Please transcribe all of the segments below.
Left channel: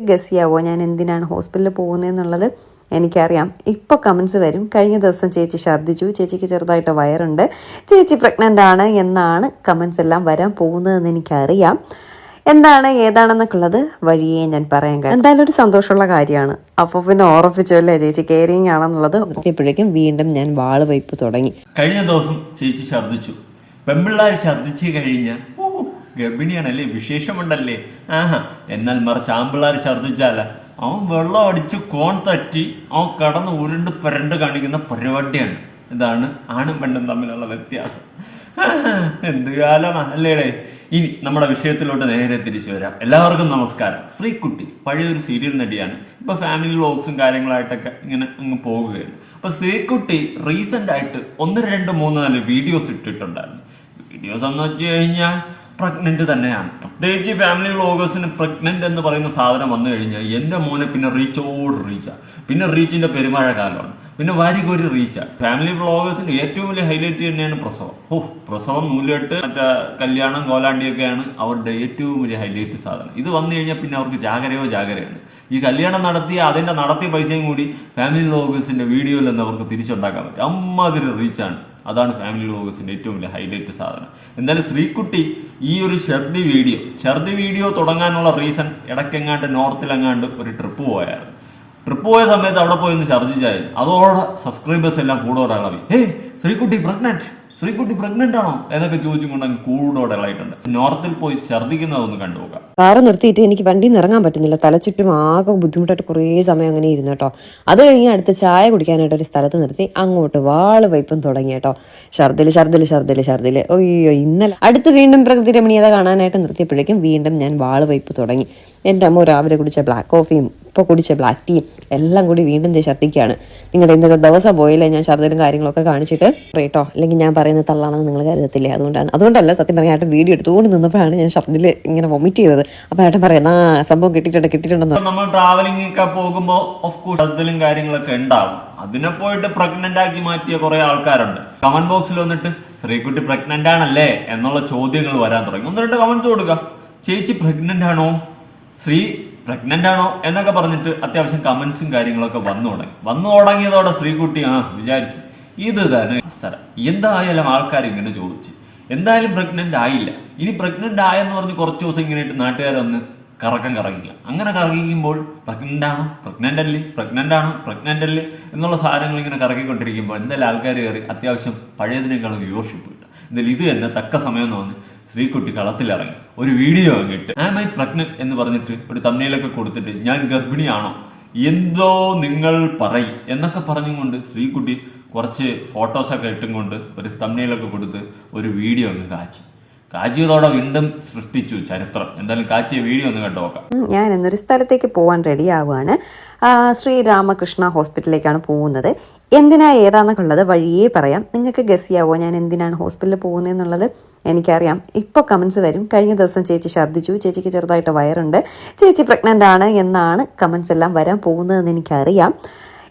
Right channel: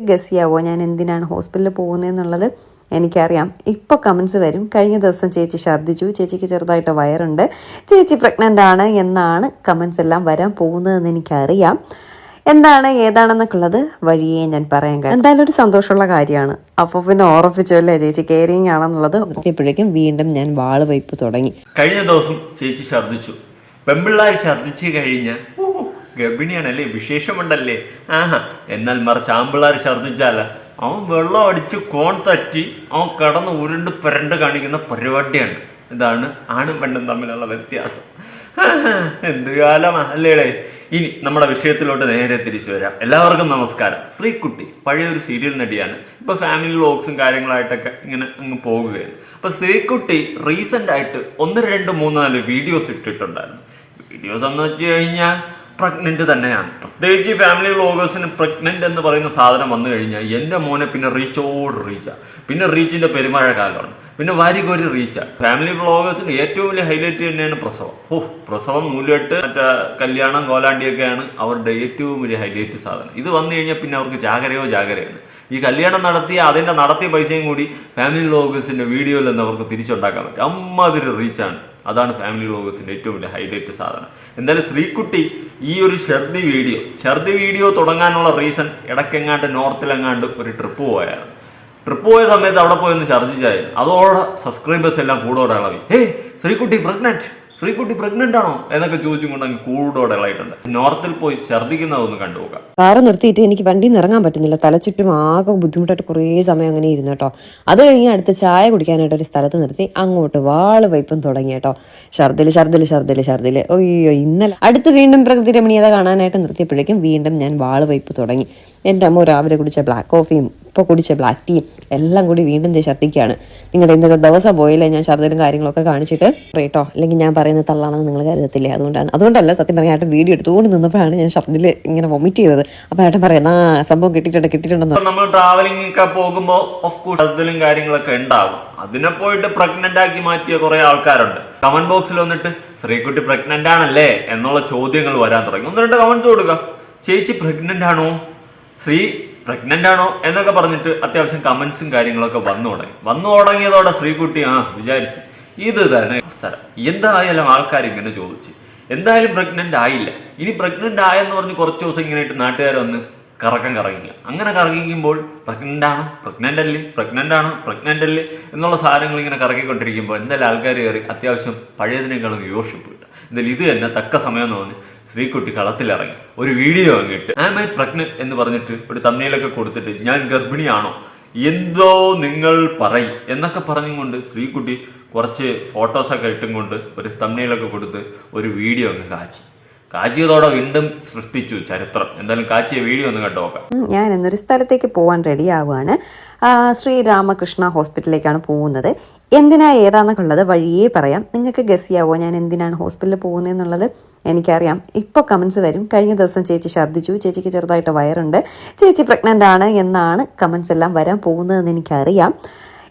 Guess ചെയ്യാവോ ഞാൻ എന്തിനാണ് ഹോസ്പിറ്റലിൽ പോകുന്നതെന്നുള്ളത് എനിക്കറിയാം. ഇപ്പോൾ കമൻസ് വരും. കഴിഞ്ഞ ദിവസം ചേച്ചി ഛർദ്ദിച്ചു. ചേച്ചിക്ക് ചെറുതായിട്ട് വയറുണ്ട്. ചേച്ചി പ്രഗ്നന്റ് ആണ് എന്നാണ് കമൻസ് എല്ലാം വരാൻ പോകുന്നതെന്ന് എനിക്കറിയാം. എന്താണ് ഏതാണെന്നൊക്കെ ഉള്ളത് വഴിയേ ഞാൻ പറയാൻ കഴിയും. എന്തായാലും ഒരു സന്തോഷമുള്ള കാര്യമാണ്. അപ്പോൾ പിന്നെ ഓർപ്പിച്ചല്ലേ ചേച്ചി കെയറിങ് ആണെന്നുള്ളത്. എത്തിയപ്പോഴേക്കും വീണ്ടും ഞാൻ വാൾ വയ്പ് തുടങ്ങി. കഴിഞ്ഞ ദിവസം ചേച്ചി ഛർദ്ദിച്ചു. പെമ്പിള്ളാർ ഛർദ്ദിച്ചു കഴിഞ്ഞാൽ ഓ ഗർഭിണിയാണല്ലേ? വിശേഷമുണ്ടല്ലേ? ആഹാ എന്നാൽ മറിച്ച് ആമ്പിള്ളാർ ഛർദ്ദിച്ചാല. അവൻ വെള്ളം അടിച്ച് കോൺ തറ്റി അവൻ കടന്ന് ഉരുണ്ട് പുരണ്ട് കാണിക്കുന്ന പരിപാടിയാണ്. ഇതാണ് ആണും പെണ്ണും തമ്മിലുള്ള വ്യത്യാസം. എന്ത് കാലമാ അല്ലേടേ ഇനി നമ്മുടെ വിഷയത്തിലോട്ട് നേരെ തിരിച്ചു വരാം. എല്ലാവർക്കും നമസ്കാരം. ശ്രീകുട്ടി പഴയൊരു സീരിയൽ നടിയാണ്. ഇപ്പൊ ഫാമിലി വ്ലോഗ്സും കാര്യങ്ങളായിട്ടൊക്കെ ഇങ്ങനെ അങ്ങ് പോകുകയാണ്. അപ്പൊ ശ്രീകുട്ടി റീസെന്റ് ആയിട്ട് ഒന്ന് രണ്ട് മൂന്ന് നാല് വീഡിയോസ് ഇട്ടിട്ടുണ്ടായിരുന്നു. വീഡിയോസ് എന്ന് വെച്ച് കഴിഞ്ഞാൽ പ്രഗ്നന്റ് തന്നെയാണ്. പ്രത്യേകിച്ച് ഫാമിലി വ്ലോഗേഴ്സിന് പ്രഗ്നന്റ് എന്ന് പറയുന്ന സാധനം വന്നു കഴിഞ്ഞാൽ എന്റെ മോനെ പിന്നെ റീച്ചോട് റീച്ചാ പിന്നെ റീച്ചിന്റെ പെരുമഴ കാലമാണ്. പിന്നെ വാരികോരി റീച്ചാ ഫാമിലി വ്ലോഗേഴ്സിന് ഏറ്റവും വലിയ ഹൈലൈറ്റ് തന്നെയാണ് പ്രസവം. ഓ പ്രസവം നൂലെട്ട് മറ്റേ കല്യാണം കോലാണ്ടിയൊക്കെയാണ് അവരുടെ ഏറ്റവും വലിയ ഹൈലൈറ്റ് സാധനം. ഇത് വന്നു കഴിഞ്ഞാൽ പിന്നെ അവർക്ക് ജാഗ്രയോ ജാഗ്രയാണ്. ഈ കല്യാണം നടത്തിയ അതിന്റെ നടത്തിയ പൈസയും കൂടി ഫാമിലി വ്ലോഗേഴ്സിന്റെ വീഡിയോയിൽ നിന്ന് അവർക്ക് തിരിച്ചുണ്ടാക്കാൻ പറ്റും. അമ്മാതിരി റീച്ചാണ് അതാണ് ഫാമിലി വ്ളോഗേഴ്സിന്റെ ഏറ്റവും വലിയ ഹൈലൈറ്റ് സാധനം. എന്തായാലും ശ്രീക്കുട്ടി ഈ ഒരു ഷർദി വീഡിയോ ഷർദി വീഡിയോ തുടങ്ങാനുള്ള റീസൺ ഇടയ്ക്കെങ്ങാണ്ട് നോർത്തിലെങ്ങാണ്ട് ഒരു ട്രിപ്പ് പോയായിരുന്നു. ട്രിപ്പ് പോയ സമയത്ത് അവിടെ പോയി ഒന്ന് ഛർദ്ദിച്ചായിരുന്നു അതോടെ സബ്സ്ക്രൈബേഴ്സ് എല്ലാം കൂടോടെ ഇളവി hey Sreekutty pregnant Sreekutty pregnant ആണോ എന്നൊക്കെ ചോദിച്ചും കൊണ്ട് അങ്ങ് കൂടോടെ ഇളയിട്ടുണ്ട് നോർത്തിൽ പോയി ഛർദ്ദിക്കുന്നതൊന്ന് കണ്ടുപോകാം കാറ് നിർത്തിയിട്ട് എനിക്ക് വണ്ടിയിൽ നിന്ന് ഇറങ്ങാൻ പറ്റുന്നില്ല. തലചുറ്റും ആകെ ബുദ്ധിമുട്ടായിട്ട് കുറേ സമയം അങ്ങനെ ഇരുന്നു കേട്ടോ. അത് കഴിഞ്ഞ് അടുത്ത് ചായ കുടിക്കാനായിട്ട് ഒരു സ്ഥലത്ത് നിർത്തി. അങ്ങോട്ട് വാൾ വൈപ്പം തുടങ്ങി കേട്ടോ. ഛർദിൽ ഛർദിൽ ഛർദിൽ ഛർദിൽ ഒയ്യോ ഇന്നലെ. അടുത്ത് വീണ്ടും പ്രകൃതി രമണീയത കാണാനായിട്ട് നിർത്തിയപ്പോഴേക്കും വീണ്ടും ഞാൻ വാൾ വൈപ്പ് തുടങ്ങി. എന്റെ അമ്മ രാവിലെ കുടിച്ച ബ്ലാക്ക് കോഫിയും ഇപ്പോൾ കുടിച്ച ബ്ലാക്ക് ടീയും എല്ലാം കൂടി വീണ്ടും ഞാൻ ഛർദ്ദിക്കുകയാണ്. നിങ്ങളുടെ ഇന്നത്തെ ദിവസം പോയില്ലേ ഞാൻ ഛർദ്ദിലും കാര്യങ്ങളൊക്കെ കാണിച്ചിട്ട്? കേട്ടോ അല്ലെങ്കിൽ ഞാൻ പറയുന്ന തള്ളാണെന്ന് നിങ്ങൾ കരുതത്തില്ലേ? അതുകൊണ്ടാണ്. അതുകൊണ്ടല്ല സത്യം പറഞ്ഞാൽ ഏട്ടൻ വീഡിയോ എടുത്തുകൊണ്ട് നിന്നപ്പോഴാണ് ഞാൻ ഛർദ്ദിൽ ഇങ്ങനെ വൊമിറ്റ് ചെയ്തത്. അപ്പോൾ ഏട്ടൻ പറയുന്ന ആ സംഭവം കിട്ടിയിട്ടുണ്ട് കിട്ടിയിട്ടുണ്ടെന്ന്. നമ്മൾ ട്രാവലിംഗ് ഒക്കെ പോകുമ്പോൾ ഓഫ് കോഴ്സ് ഛർദ്ദിലും കാര്യങ്ങളൊക്കെ ഉണ്ടാവും. അതിനെ പോയിട്ട് പ്രഗ്നന്റ് ആക്കി മാറ്റിയ കുറേ ആൾക്കാരുണ്ട്. കമന്റ് ബോക്സിൽ വന്നിട്ട് ശ്രീകുട്ടി പ്രഗ്നന്റ് ആണല്ലേ? എന്നുള്ള ചോദ്യങ്ങൾ വരാൻ തുടങ്ങി. ഒന്ന് രണ്ട് കമന്റ്സ് കൊടുക്കുക ചേച്ചി പ്രഗ്നന്റ് ആണോ? ശ്രീ പ്രഗ്നന്റ് ആണോ എന്നൊക്കെ പറഞ്ഞിട്ട് അത്യാവശ്യം കമന്റ്സും കാര്യങ്ങളൊക്കെ വന്നു തുടങ്ങി. വന്നു തുടങ്ങിയതോടെ ശ്രീകുട്ടി ആ വിചാരിച്ചു. ഇത് തന്നെ സ്ഥലം. എന്തായാലും ആൾക്കാർ ഇങ്ങനെ ചോദിച്ചു. എന്തായാലും പ്രഗ്നന്റ് ആയില്ല. ഇനി പ്രഗ്നന്റ് ആയെന്ന് പറഞ്ഞ് കുറച്ച് ദിവസം ഇങ്ങനെ ഇട്ട് നാട്ടുകാർ വന്ന് കറക്കം കറങ്ങില്ല. അങ്ങനെ കറങ്ങിക്കുമ്പോൾ പ്രഗ്നന്റ് ആണോ? പ്രഗ്നന്റ് അല്ലേ? പ്രഗ്നന്റ് ആണോ? പ്രഗ്നന്റ് അല്ലേ? എന്നുള്ള സാധനങ്ങൾ ഇങ്ങനെ കറക്കിക്കൊണ്ടിരിക്കുമ്പോൾ എന്തായാലും ആൾക്കാർ കയറി അത്യാവശ്യം പഴയതിനേക്കാളും വ്യൂഷിപ്പ് കിട്ടുക. എന്തായാലും ഇത് തന്നെ തക്ക സമയം തോന്നി ശ്രീകുട്ടി കളത്തിലിറങ്ങി. ഒരു വീഡിയോ അങ്ങിട്ട് ആം ഐ പ്രഗ്നന്റ് എന്ന് പറഞ്ഞിട്ട് ഒരു തമ്മിലൊക്കെ കൊടുത്തിട്ട് ഞാൻ ഗർഭിണിയാണോ? എന്തോ നിങ്ങൾ പറയും. എന്നൊക്കെ പറഞ്ഞുകൊണ്ട് ശ്രീകുട്ടി കുറച്ച് ഫോട്ടോസൊക്കെ ഇട്ടും കൊണ്ട് ഒരു തമ്മിലൊക്കെ കൊടുത്ത് ഒരു വീഡിയോ അങ്ങ് കാച്ചി. കാച്ചിയതോടെ വീണ്ടും സൃഷ്ടിച്ചു ചരിത്രം. എന്തായാലും കാച്ചിയ വീഡിയോ ഒന്ന് കണ്ടു നോക്കാം ഞാൻ ഇന്നൊരു സ്ഥലത്തേക്ക് പോകാൻ റെഡി ആവുകയാണ് ശ്രീരാമകൃഷ്ണ ഹോസ്പിറ്റലിലേക്കാണ് പോകുന്നത്. എന്തിനാ ഏതാന്നൊക്കെ ഉള്ളത് വഴിയേ പറയാം. നിങ്ങൾക്ക് ഗസ് ചെയ്യാവോ ഞാൻ എന്തിനാണ് ഹോസ്പിറ്റലിൽ പോകുന്നതെന്നുള്ളത് എനിക്കറിയാം. ഇപ്പോൾ കമൻസ് വരും. കഴിഞ്ഞ ദിവസം ചേച്ചി ഛർദ്ദിച്ചു. ചേച്ചിക്ക് ചെറുതായിട്ട് വയറുണ്ട്. ചേച്ചി പ്രഗ്നന്റ് ആണ് എന്നാണ് കമൻസ് എല്ലാം വരാൻ പോകുന്നതെന്ന് എനിക്കറിയാം.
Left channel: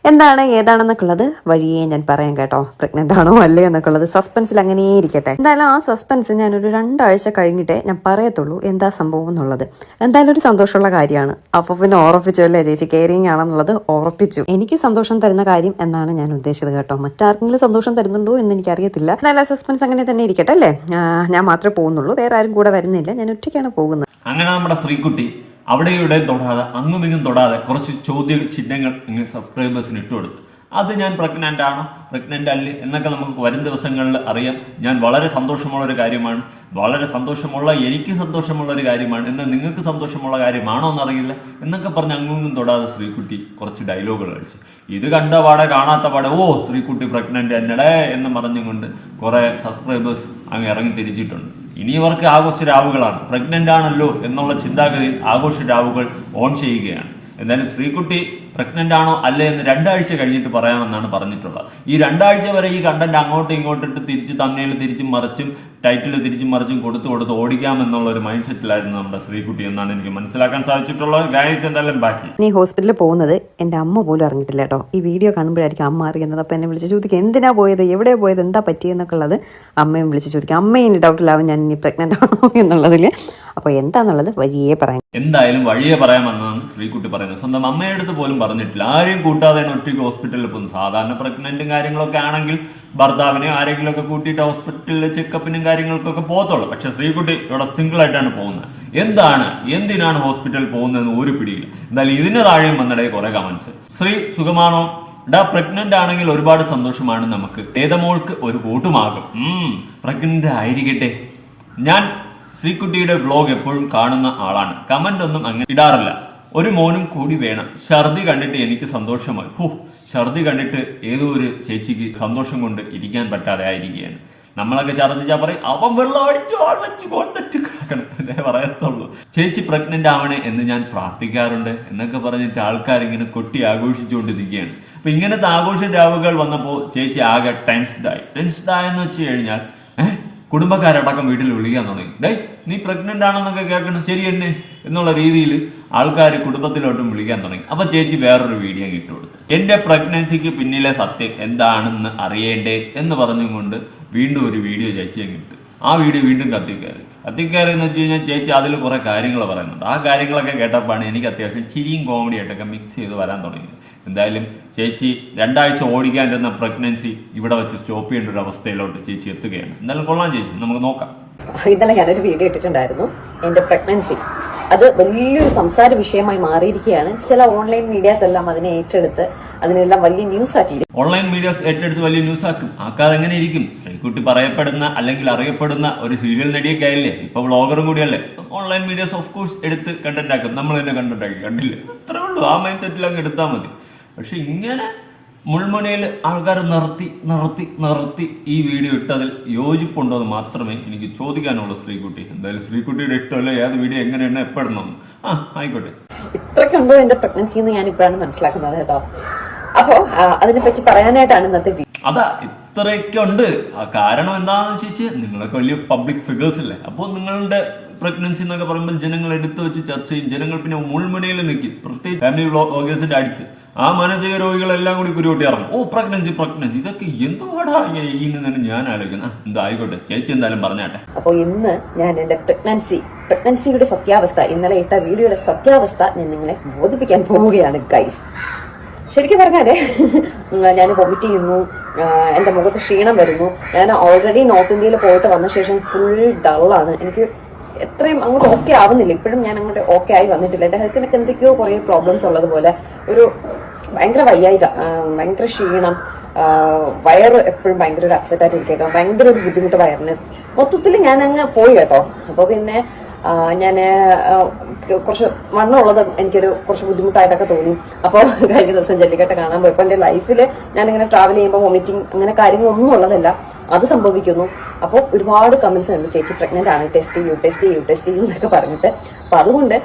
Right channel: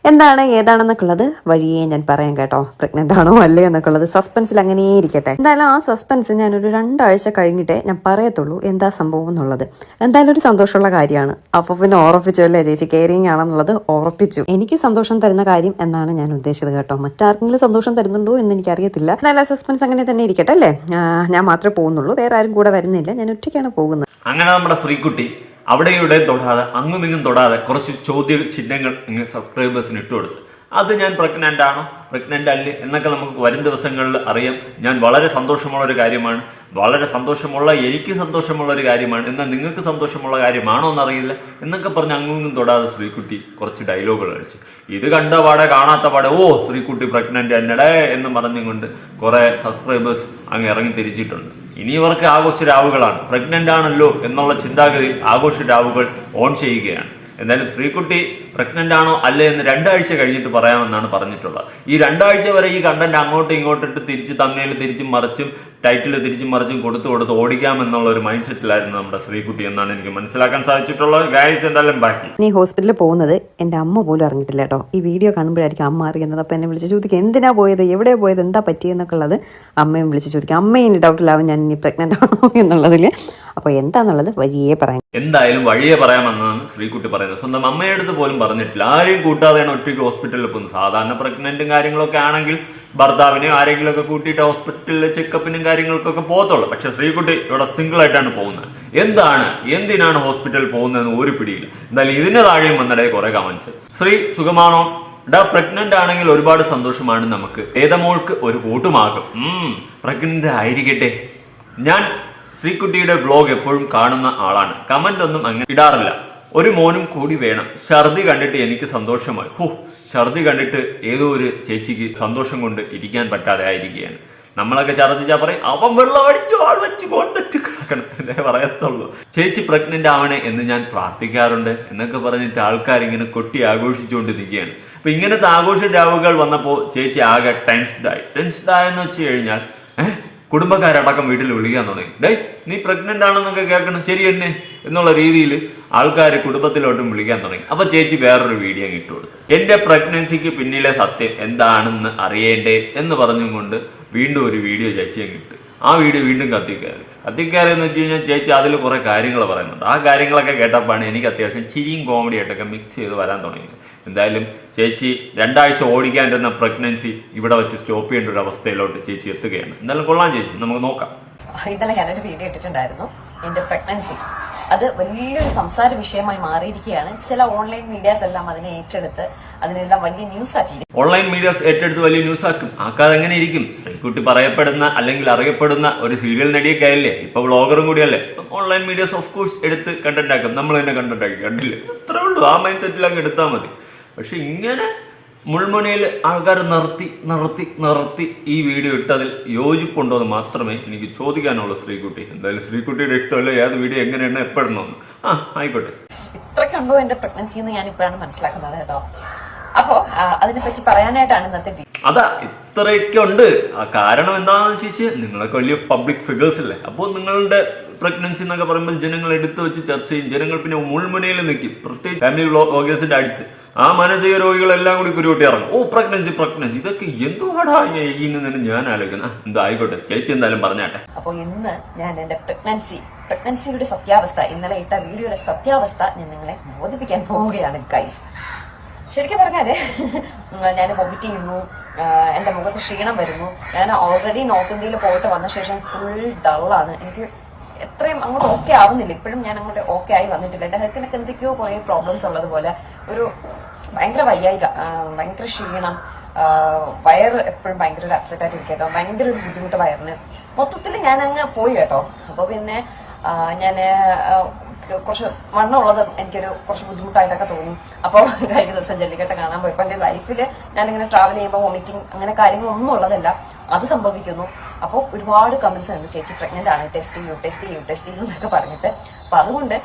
എന്താണ് ഏതാണെന്നൊക്കെയുള്ളത് വഴിയെ ഞാൻ പറയാം കേട്ടോ. പ്രഗ്നന്റ് ആണോ അല്ലേ എന്നൊക്കെയുള്ളത് സസ്പെൻസിൽ അങ്ങനെ ഇരിക്കട്ടെ. എന്തായാലും ആ സസ്പെൻസ് ഞാനൊരു രണ്ടാഴ്ച കഴിഞ്ഞിട്ടേ ഞാൻ പറയത്തുള്ളൂ എന്താ സംഭവം എന്നുള്ളത്. എന്തായാലും ഒരു സന്തോഷമുള്ള കാര്യമാണ്. അപ്പോൾ പിന്നെ ഉറപ്പിച്ചു അല്ലേ ചേച്ചി? കെയറിങ് ആണെന്നുള്ളത് ഉറപ്പിച്ചു. എനിക്ക് സന്തോഷം തരുന്ന കാര്യം എന്നാണ് ഞാൻ ഉദ്ദേശിച്ചത് കേട്ടോ. മറ്റാർക്കെങ്കിലും സന്തോഷം തരുന്നുണ്ടോ എന്ന് എനിക്കറിയത്തില്ല. എന്തായാലും ആ സസ്പെൻസ് അങ്ങനെ തന്നെ ഇരിക്കട്ടെ അല്ലേ? ഞാൻ മാത്രമേ പോകുന്നുള്ളൂ. വേറെ ആരും കൂടെ വരുന്നില്ല. ഞാൻ ഒറ്റയ്ക്കാണ് പോകുന്നത്. അങ്ങനെ നമ്മുടെ ശ്രീകുട്ടി അവിടെ ഇവിടെ തൊടാതെ അങ്ങും ഇങ്ങും തൊടാതെ കുറച്ച് ചോദ്യ ചിഹ്നങ്ങൾ സബ്സ്ക്രൈബേഴ്സിന് ഇട്ടുകൊടുത്തു അത് ഞാൻ പ്രഗ്നന്റ് ആണോ? പ്രഗ്നന്റ് അല്ലേ? എന്നൊക്കെ നമുക്ക് വരും ദിവസങ്ങളിൽ അറിയാം. ഞാൻ വളരെ സന്തോഷമുള്ള ഒരു കാര്യമാണ്. വളരെ സന്തോഷമുള്ള എനിക്ക് സന്തോഷമുള്ള ഒരു കാര്യമാണ്. എന്നാൽ നിങ്ങൾക്ക് സന്തോഷമുള്ള കാര്യമാണോ എന്നറിയില്ല. എന്നൊക്കെ പറഞ്ഞ് അങ്ങും തൊടാതെ ശ്രീകുട്ടി കുറച്ച് ഡയലോഗുകൾ അടിച്ചു. ഇത് കണ്ട പാടെ കാണാത്ത പാടെ ഓ ശ്രീകുട്ടി പ്രഗ്നന്റ് എന്നടേ എന്ന് പറഞ്ഞുകൊണ്ട് കുറേ സബ്സ്ക്രൈബേഴ്സ് അങ്ങ് ഇറങ്ങി തിരിച്ചിട്ടുണ്ട്. ഇനി ഇവർക്ക് ആഘോഷ രാവുകളാണ് പ്രഗ്നന്റ് ആണല്ലോ എന്നുള്ള ചിന്താഗതിയിൽ ആഘോഷ രാവുകൾ ഓൺ ചെയ്യുകയാണ്. എന്തായാലും ശ്രീകുട്ടി പ്രഗ്നന്റ് ആണോ അല്ലേ എന്ന് രണ്ടാഴ്ച കഴിഞ്ഞിട്ട് പറയാമെന്നാണ് പറഞ്ഞിട്ടുള്ളത്. ഈ രണ്ടാഴ്ച വരെ ഈ കണ്ടന്റ് അങ്ങോട്ടും ഇങ്ങോട്ടും ഇട്ട് തിരിച്ച് തമ്മിൽ തിരിച്ചും മറിച്ചും ടൈറ്റിൽ തിരിച്ചും മറിച്ചും കൊടുത്തു കൊടുത്ത് ഓടിക്കാമെന്നുള്ള ഒരു മൈൻഡ് സെറ്റിലായിരുന്നു നമ്മുടെ ശ്രീകുട്ടി എന്നാണ് എനിക്ക് മനസ്സിലാക്കാൻ സാധിച്ചിട്ടുള്ളത്. ഗൈസ് എന്തായാലും ബാക്കി നീ ഹോസ്പിറ്റലിൽ പോകുന്നത് എന്റെ അമ്മ പോലും അറിഞ്ഞിട്ടില്ല കേട്ടോ. ഈ വീഡിയോ കാണുമ്പോഴായിരിക്കും അമ്മ അറിയുന്നത്. അപ്പോൾ എന്നെ വിളിച്ച് ചോദിക്കും എന്തിനാ പോയത്? എവിടെ പോയത്? എന്താ പറ്റിയെന്നൊക്കെ ഉള്ളത് അമ്മയും വിളിച്ച് ചോദിക്കും. അമ്മയും ഇനി ഡൗട്ടിലാവും ഞാൻ ഇനി പ്രഗ്നന്റ് ആണോ എന്നുള്ളതിൽ. അപ്പോൾ എന്താന്നുള്ളത് വഴിയേ പറയാം എന്തായാലും വഴിയേ പറയാമെന്നാണ് ശ്രീകുട്ടി പറയുന്നത്. സ്വന്തം അമ്മയുടെ അടുത്ത് പോലും പറഞ്ഞിട്ടില്ല. ആരെയും കൂട്ടാതെയാണ് ഒറ്റയ്ക്ക് ഹോസ്പിറ്റലിൽ പോകുന്നത്. സാധാരണ പ്രഗ്നന്റും കാര്യങ്ങളൊക്കെ ആണെങ്കിൽ ഭർത്താവിനെയും ആരെങ്കിലും ഒക്കെ കൂട്ടിയിട്ട് ഹോസ്പിറ്റലിലെ ചെക്കപ്പിനും കാര്യങ്ങൾക്കൊക്കെ പോകത്തുള്ളൂ. പക്ഷെ ശ്രീകുട്ടി ഇവിടെ സിംഗിൾ ആയിട്ടാണ് പോകുന്നത്. എന്താണ്? എന്തിനാണ് ഹോസ്പിറ്റലിൽ പോകുന്നതെന്ന് ഒരു പിടിയില്ല. എന്തായാലും ഇതിന് താഴെയും വന്നിടയിൽ കുറെ കമൻസ് ശ്രീ സുഖമാണോ? ഡാ പ്രഗ്നന്റ് ആണെങ്കിൽ ഒരുപാട് സന്തോഷമാണ് നമുക്ക്. ഏതമോൾക്ക് ഒരു കൂട്ടുമാകും പ്രഗ്നന്റ് ആയിരിക്കട്ടെ. ഞാൻ ശ്രീകുട്ടിയുടെ വ്ലോഗ് എപ്പോഴും കാണുന്ന ആളാണ്. കമന്റ് ഒന്നും അങ്ങനെ ഇടാറില്ല. ഒരു മോനും കൂടി വേണം. ഛർദി കണ്ടിട്ട് എനിക്ക് സന്തോഷമായി. ഹു ഛർദി കണ്ടിട്ട് ഏതോ ഒരു ചേച്ചിക്ക് സന്തോഷം കൊണ്ട് ഇരിക്കാൻ പറ്റാതെ ആയിരിക്കുകയാണ്. നമ്മളൊക്കെ ഛർദിച്ചാൽ പറയും അവൻ വെള്ളം അടിച്ചു ആൾ വെച്ച് കൊണ്ടിട്ട് കിടക്കണം. പറയത്തുള്ളൂ. ചേച്ചി പ്രഗ്നന്റ് ആവണേ എന്ന് ഞാൻ പ്രാർത്ഥിക്കാറുണ്ട്. എന്നൊക്കെ പറഞ്ഞിട്ട് ആൾക്കാർ ഇങ്ങനെ കൊട്ടി ആഘോഷിച്ചുകൊണ്ട് നിൽക്കുകയാണ് അപ്പൊ ഇങ്ങനത്തെ ആഘോഷ രാവുകൾ വന്നപ്പോൾ ചേച്ചി ആകെ ടെൻസ്ഡായി. ടെൻസ്ഡായെന്ന് വെച്ച് കഴിഞ്ഞാൽ കുടുംബക്കാരടക്കം വീട്ടിൽ വിളിക്കാൻ തുടങ്ങി. ഡേയ് നീ പ്രഗ്നന്റ് ആണെന്നൊക്കെ കേൾക്കണം. ശരി തന്നെ എന്നുള്ള രീതിയിൽ ആൾക്കാർ കുടുംബത്തിലോട്ടും വിളിക്കാൻ തുടങ്ങി. അപ്പൊ ചേച്ചി വേറൊരു വീഡിയോ ഇട്ടുകൊടുത്തു എന്റെ പ്രഗ്നൻസിക്ക് പിന്നിലെ സത്യം എന്താണെന്ന് അറിയേണ്ടേ? എന്ന് പറഞ്ഞുകൊണ്ട് വീണ്ടും ഒരു വീഡിയോ ചേച്ചി അങ്ങ് ഇട്ടു. ആ വീട് വീണ്ടും കത്തിക്കയറി. കത്തിക്കയറി എന്ന് വെച്ച് കഴിഞ്ഞാൽ ചേച്ചി അതിൽ കുറേ കാര്യങ്ങൾ പറയുന്നുണ്ട്. ആ കാര്യങ്ങളൊക്കെ കേട്ടപ്പോഴാണ് എനിക്ക് അത്യാവശ്യം ചിരിയും കോമഡി ആയിട്ടൊക്കെ മിക്സ് ചെയ്ത് വരാൻ തുടങ്ങിയത്. എന്തായാലും ചേച്ചി രണ്ടാഴ്ച ഓടിക്കാണ്ടിരുന്ന പ്രഗ്നൻസി ഇവിടെ വെച്ച് സ്റ്റോപ്പ് ചെയ്യേണ്ട ഒരു അവസ്ഥയിലോട്ട് ചേച്ചി എത്തുകയാണ്. എന്തായാലും കൊള്ളാം ചേച്ചി. നമുക്ക് നോക്കാം. ഇന്നലെ ഞാനൊരു വീഡിയോ ഇട്ടിട്ടുണ്ടായിരുന്നു. എന്റെ പ്രഗ്നൻസി അത് വലിയൊരു സംസാര വിഷയമായി മാറിയിരിക്കുകയാണ്. ചില ഓൺലൈൻ മീഡിയാസ് എല്ലാം അതിനെ ഏറ്റെടുത്ത് അതിനെല്ലാം വലിയ ന്യൂസ് ആക്കി ഓൺലൈൻ മീഡിയാസ് ഏറ്റെടുത്ത് വലിയ ന്യൂസ് ആക്കും. ആക്കാതെ എങ്ങനെ ഇരിക്കും? ശ്രീകുട്ടി പറയപ്പെടുന്ന അല്ലെങ്കിൽ അറിയപ്പെടുന്ന ഒരു സീരിയൽ നടിയൊക്കെ ആയില്ലേ? ഇപ്പൊ വ്ളോഗറും കൂടിയല്ലേ? ഓൺലൈൻ മീഡിയാസ് ഓഫ് കോഴ്സ് എടുത്ത് കണ്ടന്റ് ആക്കും. നമ്മൾ തന്നെ കണ്ടന്റ് ആക്കി. കണ്ടില്ലേ? അത്രേ ഉള്ളൂ. ആ മൈൻഡ് സെറ്റിൽ അങ്ങ് എടുത്താൽ മതി. പക്ഷെ ഇങ്ങനെ മുൾമുനയിൽ ആൾക്കാർ നിർത്തി നിർത്തി നിർത്തി ഈ വീഡിയോ ഇട്ടതിൽ യോജിപ്പുണ്ടോ എന്ന് മാത്രമേ എനിക്ക് ചോദിക്കാനുള്ളൂ ശ്രീകുട്ടി. എന്തായാലും ശ്രീകുട്ടിയുടെ ഇഷ്ടമല്ല ഏത് വീഡിയോ എങ്ങനെയാണ് എപ്പോഴണമെന്ന് ആ ആയിക്കോട്ടെ. ഇത്രക്കുണ്ടോ എന്റെ പ്രഗ്നൻസി എന്ന് ഞാൻ ഇപ്പോഴാണ് മനസ്സിലാക്കുന്നത് കേട്ടോ. അപ്പോ അതിനെ പറ്റി പറയാനായിട്ടാണ് ഇന്നത്തെ അതാ ഇത്രയൊക്കെ ഉണ്ട് ആ കാരണം എന്താണെന്ന് വെച്ചാൽ നിങ്ങളൊക്കെ വലിയ പബ്ലിക് ഫിഗേഴ്സ് അല്ലേ? അപ്പോൾ നിങ്ങളുടെ പ്രഗ്നൻസി എന്നൊക്കെ പറയുമ്പോൾ ജനങ്ങൾ എടുത്തു വെച്ച് ചർച്ച ചെയ്യും. ജനങ്ങൾ പിന്നെ മുൾമുനയിൽ നിൽക്കും. പ്രത്യേകിച്ച് ഫാമിലി വ്ളോഗേഴ്സിന്റെ അടിച്ച്. ആ മാനസിക രോഗികളെല്ലാം കൂടി കുരുവട്ടി ഇറങ്ങും. ഓ പ്രഗ്നൻസി പ്രഗ്നൻസി ഇതൊക്കെ എന്തുപാടാ ഈ തന്നെ ഞാൻ ആലോചിക്കുന്നത് എന്താ ആയിക്കോട്ടെ. ചേച്ചി എന്തായാലും പറഞ്ഞാട്ടെ. അപ്പോൾ ഇന്ന് ഞാൻ എന്റെ പ്രഗ്നൻസി പ്രഗ്നൻസിയുടെ സത്യാവസ്ഥ. ഇന്നലെ ഇട്ട വീഡിയോയുടെ സത്യാവസ്ഥ ഞാൻ നിങ്ങളെ ബോധിപ്പിക്കാൻ പോവുകയാണ് ഗൈസ് ശരിക്കും പറഞ്ഞാൽ ഞാൻ വൊമിറ്റ് ചെയ്യുന്നു. എന്റെ മുഖത്ത് ക്ഷീണം വരുന്നു. ഞാൻ ഓൾറെഡി നോർത്ത് ഇന്ത്യയിൽ പോയിട്ട് വന്ന ശേഷം ഫുൾ ഡള്ളാണ് എനിക്ക് എത്രയും അങ്ങോട്ട് ഓക്കെ ആവുന്നില്ല. ഇപ്പോഴും ഞാൻ അങ്ങോട്ട് ഓക്കെ ആയി വന്നിട്ടില്ല. എന്റെ ഹെൽത്തിനൊക്കെ എന്തൊക്കെയോ കുറെ പ്രോബ്ലംസ് ഉള്ളത് പോലെ ഒരു ഭയങ്കര വയ്യായിക ഭയങ്കര ക്ഷീണം വയറ് എപ്പോഴും ഭയങ്കര ഒരു അപ്സെറ്റ് ആയിട്ട് ഇരിക്കും ഭയങ്കര ഒരു ബുദ്ധിമുട്ട് വയറിന്. മൊത്തത്തിൽ ഞാൻ അങ്ങ് പോയി കേട്ടോ. അപ്പൊ പിന്നെ ഞാൻ കുറച്ച് വണ്ണമുള്ളത് എനിക്കൊരു കുറച്ച് ബുദ്ധിമുട്ടായിട്ടൊക്കെ തോന്നി. അപ്പോൾ കഴിഞ്ഞ ദിവസം ജല്ലിക്കട്ട് കാണാൻ പോയപ്പോൾ എന്റെ ലൈഫിൽ ഞാനിങ്ങനെ ട്രാവൽ ചെയ്യുമ്പോൾ വൊമിറ്റിംഗ് അങ്ങനെ കാര്യങ്ങളൊന്നും ഉള്ളതല്ല. അത് സംഭവിക്കുന്നു. അപ്പോൾ ഒരുപാട് കമന്റ്സ് ഉണ്ട്. ചേച്ചി പ്രഗ്നന്റ് ആണ്. ടെസ്റ്റ് ചെയ്യൂ ടെസ്റ്റ് ചെയ്യൂ ടെസ്റ്റ് ചെയ്യൂ എന്നൊക്കെ പറഞ്ഞിട്ട്. അപ്പൊ അതുകൊണ്ട്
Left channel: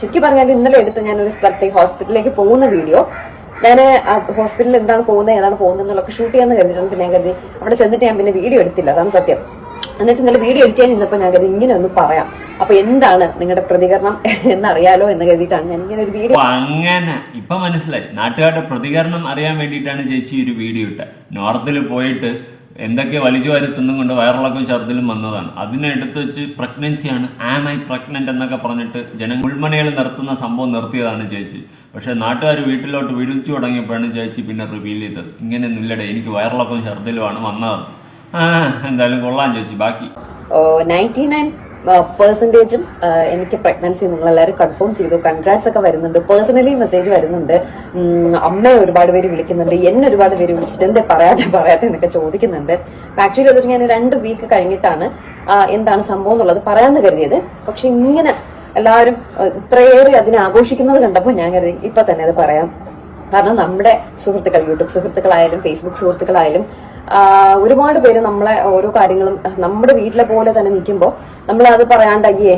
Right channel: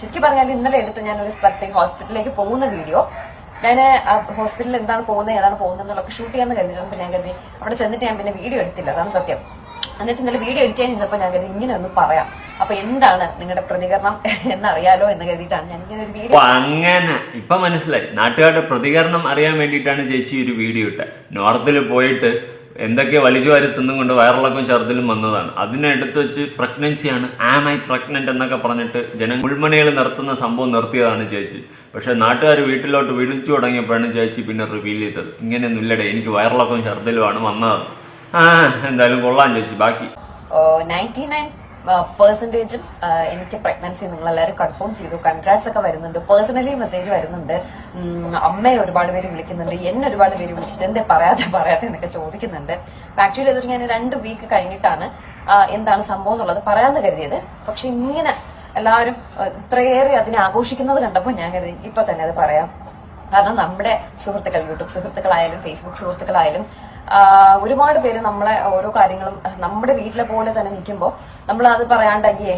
ശരിക്കും പറഞ്ഞാൽ ഇന്നലെ എടുത്ത ഞാൻ ഒരു സ്ഥലത്തേക്ക് ഹോസ്പിറ്റലിലേക്ക് പോകുന്ന വീഡിയോ. ഞാൻ ഹോസ്പിറ്റലിൽ എന്താണ് പോകുന്നത് ഏതാണ് പോകുന്നത് എന്നുള്ളതൊക്കെ ഷൂട്ട് ചെയ്യാന്ന് കരുതിയിട്ടുണ്ട്. പിന്നെ ഞാൻ കരുതി അവിടെ ചെന്നിട്ട് ഞാൻ പിന്നെ വീഡിയോ എടുത്തില്ല. അതാണ് സത്യം. എന്നിട്ട് ഇന്നലെ വീഡിയോ എഡിറ്റ് ചെയ്യാൻ ഇരുന്നപ്പോൾ ഞാൻ കരുതി ഇങ്ങനെ ഒന്ന് പറയാം. അപ്പൊ എന്താണ് നിങ്ങളുടെ പ്രതികരണം എന്നറിയാലോ എന്ന് കരുതിയിട്ടാണ് ഞാൻ ഇങ്ങനെ ഒരു വീഡിയോ അങ്ങനെ ഇപ്പൊ മനസ്സിലായി. നാട്ടുകാരുടെ പ്രതികരണം അറിയാൻ വേണ്ടിയിട്ടാണ് ചേച്ചി ഒരു വീഡിയോ ഇട്ടത്. നോർത്തിൽ പോയിട്ട് എന്തൊക്കെ വലിച്ചു വാരി തിന്നും കൊണ്ട് വയറിളക്കം ഛർദിലും വന്നതാണ്. അതിനെടുത്ത് വെച്ച് പ്രഗ്നൻസിയാണ് ആം ഐ പ്രഗ്നന്റ് എന്നൊക്കെ പറഞ്ഞിട്ട് ജന മുൾമണികൾ നിർത്തുന്ന സംഭവം നിർത്തിയതാണ് ചേച്ചി. പക്ഷേ നാട്ടുകാർ വീട്ടിലോട്ട് വിളിച്ചു തുടങ്ങിയപ്പോഴാണ് ചേച്ചി പിന്നെ റിവീൽ ചെയ്തത്. ഇങ്ങനെയൊന്നും ഇല്ലടേ എനിക്ക് വയറിളക്കം ഛർദിലുമാണ് വന്നത്. ആ എന്തായാലും കൊള്ളാം ചേച്ചി. ബാക്കി. നയന്റി നയൻ പെർസെന്റേജും എനിക്ക് പ്രഗ്നൻസി നിങ്ങൾ എല്ലാവരും കൺഫേം ചെയ്തു. കൺഗ്രാറ്റ്സ് ഒക്കെ വരുന്നുണ്ട്. പേഴ്സണലി മെസ്സേജ് വരുന്നുണ്ട്. അമ്മയെ ഒരുപാട് പേര് വിളിക്കുന്നുണ്ട്. എന്നെ ഒരുപാട് പേര് വിളിച്ചിട്ട് എന്തേ പറയാതെ പറയാതെ എന്നൊക്കെ ചോദിക്കുന്നുണ്ട്. ആക്ച്വലി അതൊരു ഞാൻ രണ്ട് വീക്ക് കഴിഞ്ഞിട്ടാണ് എന്താണ് സംഭവം എന്നുള്ളത് പറയാമെന്ന് കരുതിയത്. പക്ഷെ ഇങ്ങനെ എല്ലാവരും ഇത്രയേറെ അതിനെ ആഘോഷിക്കുന്നത് കണ്ടപ്പോൾ ഞാൻ കരുതി ഇപ്പൊ തന്നെ അത് പറയാം. കാരണം നമ്മുടെ സുഹൃത്തുക്കൾ യൂട്യൂബ് സുഹൃത്തുക്കളായാലും ഫേസ്ബുക്ക് സുഹൃത്തുക്കളായാലും ഒരുപാട് പേര് നമ്മളെ ഓരോ കാര്യങ്ങളും നമ്മുടെ വീട്ടിലെ പോലെ തന്നെ നിൽക്കുമ്പോൾ നമ്മൾ അത് പറയാണ്ട് അയ്യേ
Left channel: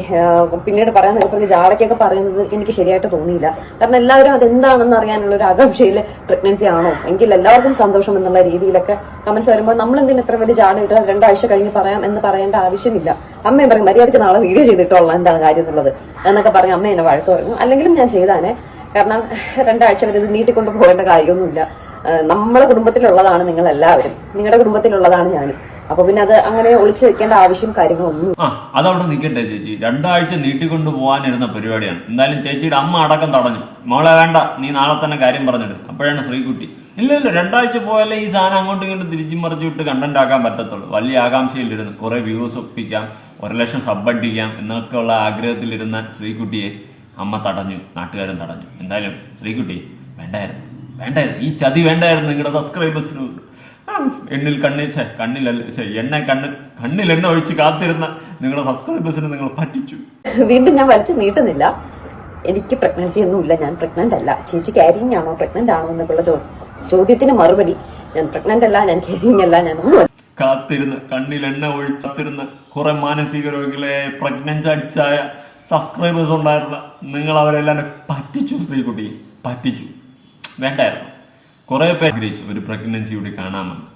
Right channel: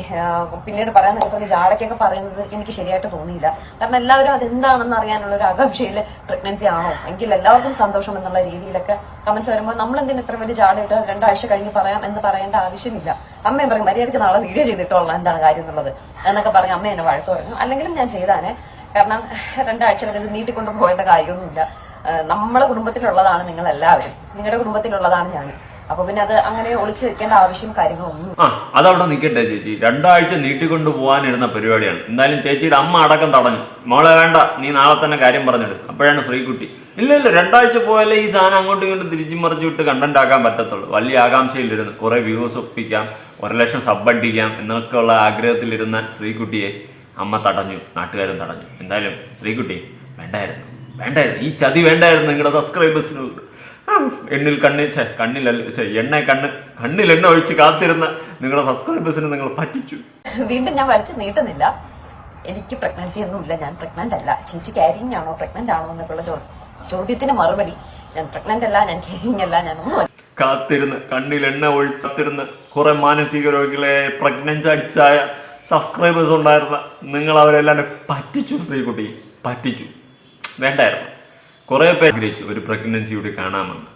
പിന്നീട് പറയാൻ നിൽക്കുന്ന ജാടയ്ക്കൊക്കെ പറയുന്നത് എനിക്ക് ശരിയായിട്ട് തോന്നിയില്ല. കാരണം എല്ലാവരും അതെന്താണെന്ന് അറിയാനുള്ള ഒരു ആകാംക്ഷയിൽ പ്രഗ്നൻസി ആണോ? എങ്കിൽ എല്ലാവർക്കും സന്തോഷം എന്നുള്ള രീതിയിലൊക്കെ കമന്റ്സ് വരുമ്പോൾ നമ്മൾ എന്തിനു ഇത്ര വലിയ ജാട ഇട്ട് രണ്ടാഴ്ച കഴിഞ്ഞ് പറയാം എന്ന് പറയേണ്ട ആവശ്യമില്ല. അമ്മയും പറയും മര്യാദയ്ക്ക് നാളെ വീഡിയോ ചെയ്തിട്ടുള്ള എന്താണ് കാര്യം എന്നുള്ളത്? എന്നൊക്കെ പറഞ്ഞ് അമ്മ എന്നെ വഴക്ക് പറഞ്ഞു. അല്ലെങ്കിലും ഞാൻ ചെയ്താനെ. കാരണം രണ്ടാഴ്ച വരെ ഇത് നീട്ടിക്കൊണ്ട് പോകേണ്ട കാര്യമൊന്നുമില്ല. നമ്മളെ കുടുംബത്തിലുള്ളതാണ് നിങ്ങൾ എല്ലാവരും നിങ്ങളുടെ കുടുംബത്തിലുള്ളതാണ് ഞാനും. അപ്പൊ പിന്നെ അത് അങ്ങനെ ഒളിച്ചു വെക്കേണ്ട ആവശ്യം കാര്യങ്ങളൊന്നും ആ അതവിടെ നിൽക്കട്ടെ ചേച്ചി. രണ്ടാഴ്ച നീട്ടിക്കൊണ്ട് പോകാനിരുന്ന പരിപാടിയാണ്. എന്തായാലും ചേച്ചിയുടെ അമ്മ അടക്കം തടഞ്ഞു. മോളെ വേണ്ട നീ നാളെ തന്നെ കാര്യം പറഞ്ഞിട്ട് അപ്പോഴാണ് ശ്രീകുട്ടി. ഇല്ല ഇല്ല രണ്ടാഴ്ച പോയാലേ ഈ സാധനം അങ്ങോട്ടും ഇങ്ങോട്ടും തിരിച്ചും മറിച്ചു വിട്ട് കണ്ടന്റ് ആക്കാൻ പറ്റത്തുള്ളൂ. വലിയ ആകാംക്ഷയിലിരുന്ന്. കുറെ വ്യൂസ് ഒപ്പിക്കാം. ഒരു ലക്ഷം സബ് അടിക്കാം എന്നൊക്കെയുള്ള ആഗ്രഹത്തിലിരുന്ന ശ്രീകുട്ടിയെ അമ്മ തടഞ്ഞു നാട്ടുകാരും തടഞ്ഞു. എന്തായാലും ശ്രീകുട്ടി വേണ്ടായിരുന്നു വേണ്ടായിരുന്നു. ഈ ചതി വേണ്ടായിരുന്നു നിങ്ങളുടെ സബ്സ്ക്രൈബേഴ്സിന് എണ്ണിൽ കണ്ണിൽ ഛെ, കണ്ണിലല്ല എണ്ണ കണ്ണ് കണ്ണിൽ എണ്ണ ഒഴിച്ച് കാത്തിരുന്ന നിങ്ങളുടെ സബ്സ്ക്രൈബേഴ്സിനെ നിങ്ങൾ പറ്റിച്ചു. വീണ്ടും ഞാൻ വലിച്ചു നീട്ടുന്നില്ല. എനിക്ക് പ്രഗ്നൻസി ഒന്നുമില്ല ഞാൻ പ്രഗ്നന്റ് അല്ല. ചേച്ചി കാരിങ് ആണോ പ്രഗ്നന്റ് ആണോ എന്നൊക്കെയുള്ള ചോദ്യത്തിന് മറുപടി. ഞാൻ പ്രഗ്നന്റ് അല്ല ഞാൻ കാരിങ് അല്ല ഞാൻ ഒന്നും കാത്തിരുന്ന് കണ്ണിൽ എണ്ണ ഒഴിച്ചാത്തിരുന്ന് കുറെ മാനസിക രോഗികളെ പ്രഗ്നൻസി അടിച്ചായ സബ്സ്ക്രൈബേഴ്സ് ഉണ്ടായിരുന്ന നിങ്ങൾ അവരെല്ലാം പറ്റിച്ചു ശ്രീകുട്ടി പറ്റിച്ചു. വേണ്ടായിരുന്നു. കുറേ പേർ ആഗ്രഹിച്ചു ഒരു പ്രഗ്നൻസി കൂടി കാണാമെന്ന്.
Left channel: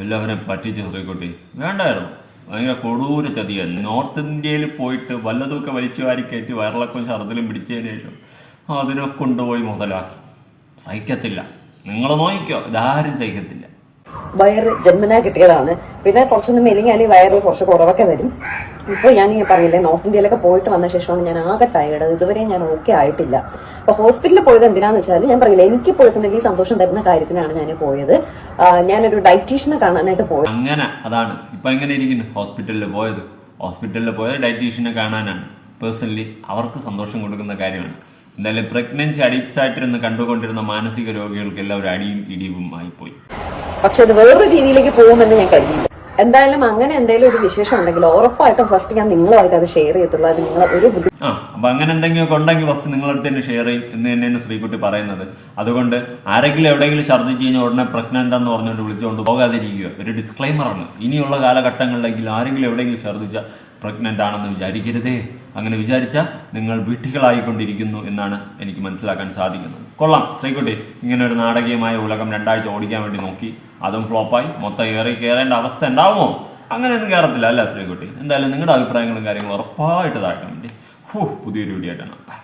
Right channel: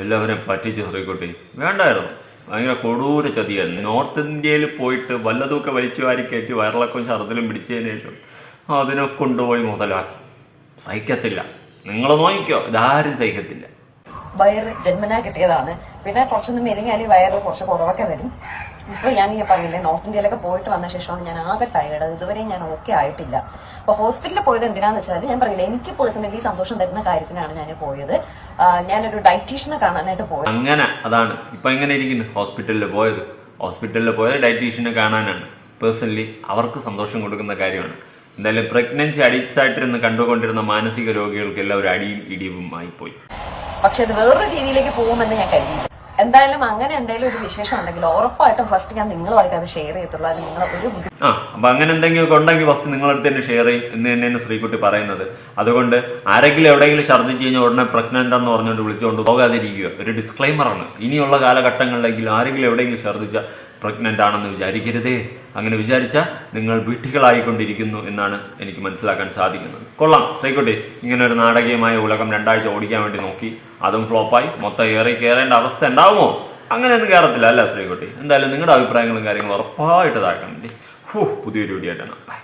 എല്ലാവരും പറ്റിച്ചു ശ്രീകുട്ടി. വേണ്ടായിരുന്നു. ഭയങ്കര കൊടൂര ചതിയായിരുന്നു. നോർത്ത് ഇന്ത്യയിൽ പോയിട്ട് വല്ലതൊക്കെ വലിച്ചു വാരി കയറ്റി വയറിളക്കം ഛർദിലും പിടിച്ചതിന് ശേഷം അതിനെ കൊണ്ടുപോയി മുതലാക്കി. സഹിക്കത്തില്ല. നിങ്ങൾ നോക്കിക്കോ. ഇതാരും സഹിക്കത്തില്ല. വയറ് ജന്മനായി കിട്ടിയതാണ്. പിന്നെ കുറച്ചൊന്നും മെലിഞ്ഞാൽ വയറിൽ കുറച്ച് കുറവൊക്കെ വരും. ഇപ്പൊ ഞാൻ ഈ പറഞ്ഞില്ലേ നോർത്ത് ഇന്ത്യയിലൊക്കെ പോയിട്ട് വന്ന ശേഷമാണ് ഞാൻ ആകെ ടയർഡ് ഇതുവരെ ഞാൻ ഓക്കെ ആയിട്ടില്ല. അപ്പൊ ഹോസ്പിറ്റലിൽ പോയത് എന്തിനാന്ന് വെച്ചാൽ ഞാൻ പറഞ്ഞില്ല എനിക്ക് പേഴ്സണലി സന്തോഷം തരുന്ന കാര്യത്തിനാണ് ഞാൻ പോയത്. ഞാനൊരു ഡയറ്റീഷ്യനെ കാണാനായിട്ട് പോയത്. അങ്ങനെ അതാണ്. ഇപ്പൊ എങ്ങനെ ഇരിക്കുന്നു? ഹോസ്പിറ്റലിൽ പോയത്. ഹോസ്പിറ്റലിൽ പോയത് ഡയറ്റീഷ്യനെ കാണാനാണ്. പേഴ്സണലി അവർക്ക് സന്തോഷം കൊടുക്കുന്ന കാര്യമാണ്. എന്തായാലും പ്രഗ്നൻസി അഡിക്ട്സ് ആയിട്ടിരുന്ന് കണ്ടുകൊണ്ടിരുന്ന മാനസിക രോഗികൾക്കെല്ലാം ഒരു അടിയും ഇടിവും ആയിപ്പോയി. പക്ഷെ അത് വേറൊരു രീതിയിലേക്ക് പോകുമെന്ന് ഞാൻ കരുതിയില്ല. എന്തായാലും അങ്ങനെ എന്തെങ്കിലും ഒരു വിശേഷം ഉണ്ടെങ്കിൽ ഉറപ്പായിട്ടും ഫസ്റ്റ് ഞാൻ നിങ്ങളുമായിട്ട് അത് ഷെയർ ചെയ്യത്തുള്ളൂ. അത് നിങ്ങൾ ഒരു ബുദ്ധി ആ അപ്പൊ അങ്ങനെ എന്തെങ്കിലും ഉണ്ടെങ്കിൽ ഫസ്റ്റ് നിങ്ങളടുത്ത് തന്നെ ഷെയർ ചെയ്യും. എന്ന് തന്നെയാണ് ശ്രീകുട്ടി പറയുന്നത്. അതുകൊണ്ട് ആരെങ്കിലും എവിടെയെങ്കിലും ഛർദ്ദിച്ചു കഴിഞ്ഞാൽ ഉടനെ പ്രശ്നം എന്താന്ന് പറഞ്ഞുകൊണ്ട് വിളിച്ചുകൊണ്ട് പോകാതിരിക്കുക. ഒരു ഡിസ്ക്ലൈമറാണ് ഇനിയുള്ള കാലഘട്ടങ്ങളിലെങ്കിലും ആരെങ്കിലും എവിടെയെങ്കിലും ഛർദ്ദിച്ച പ്രഗ്നന്റ് ആണെന്ന് വിചാരിക്കരുതേ. അങ്ങനെ വിചാരിച്ചാൽ നിങ്ങൾ വീട്ടികളായിക്കൊണ്ടിരിക്കുന്നു എന്നാണ് എനിക്ക് മനസ്സിലാക്കാൻ സാധിക്കുന്നത്. കൊള്ളാം. ശ്രീക്കുട്ടി ഇങ്ങനെ ഒരു നാടകീയമായ ഉലകം രണ്ടാഴ്ച ഓടിക്കാൻ വേണ്ടി നോക്കി. അതും ഫ്ലോപ്പായി മൊത്തം ഏറി കയറേണ്ട അവസ്ഥ ഉണ്ടാവുമോ? അങ്ങനെയൊന്നും കയറത്തില്ല അല്ല ശ്രീകുട്ടി? എന്തായാലും നിങ്ങളുടെ അഭിപ്രായങ്ങളും കാര്യങ്ങളും ഉറപ്പായിട്ട് താഴ്ക്കാൻ വേണ്ടി. ഹൂ പുതിയൊരു വീഡിയോ ആയിട്ടാണ് ബൈ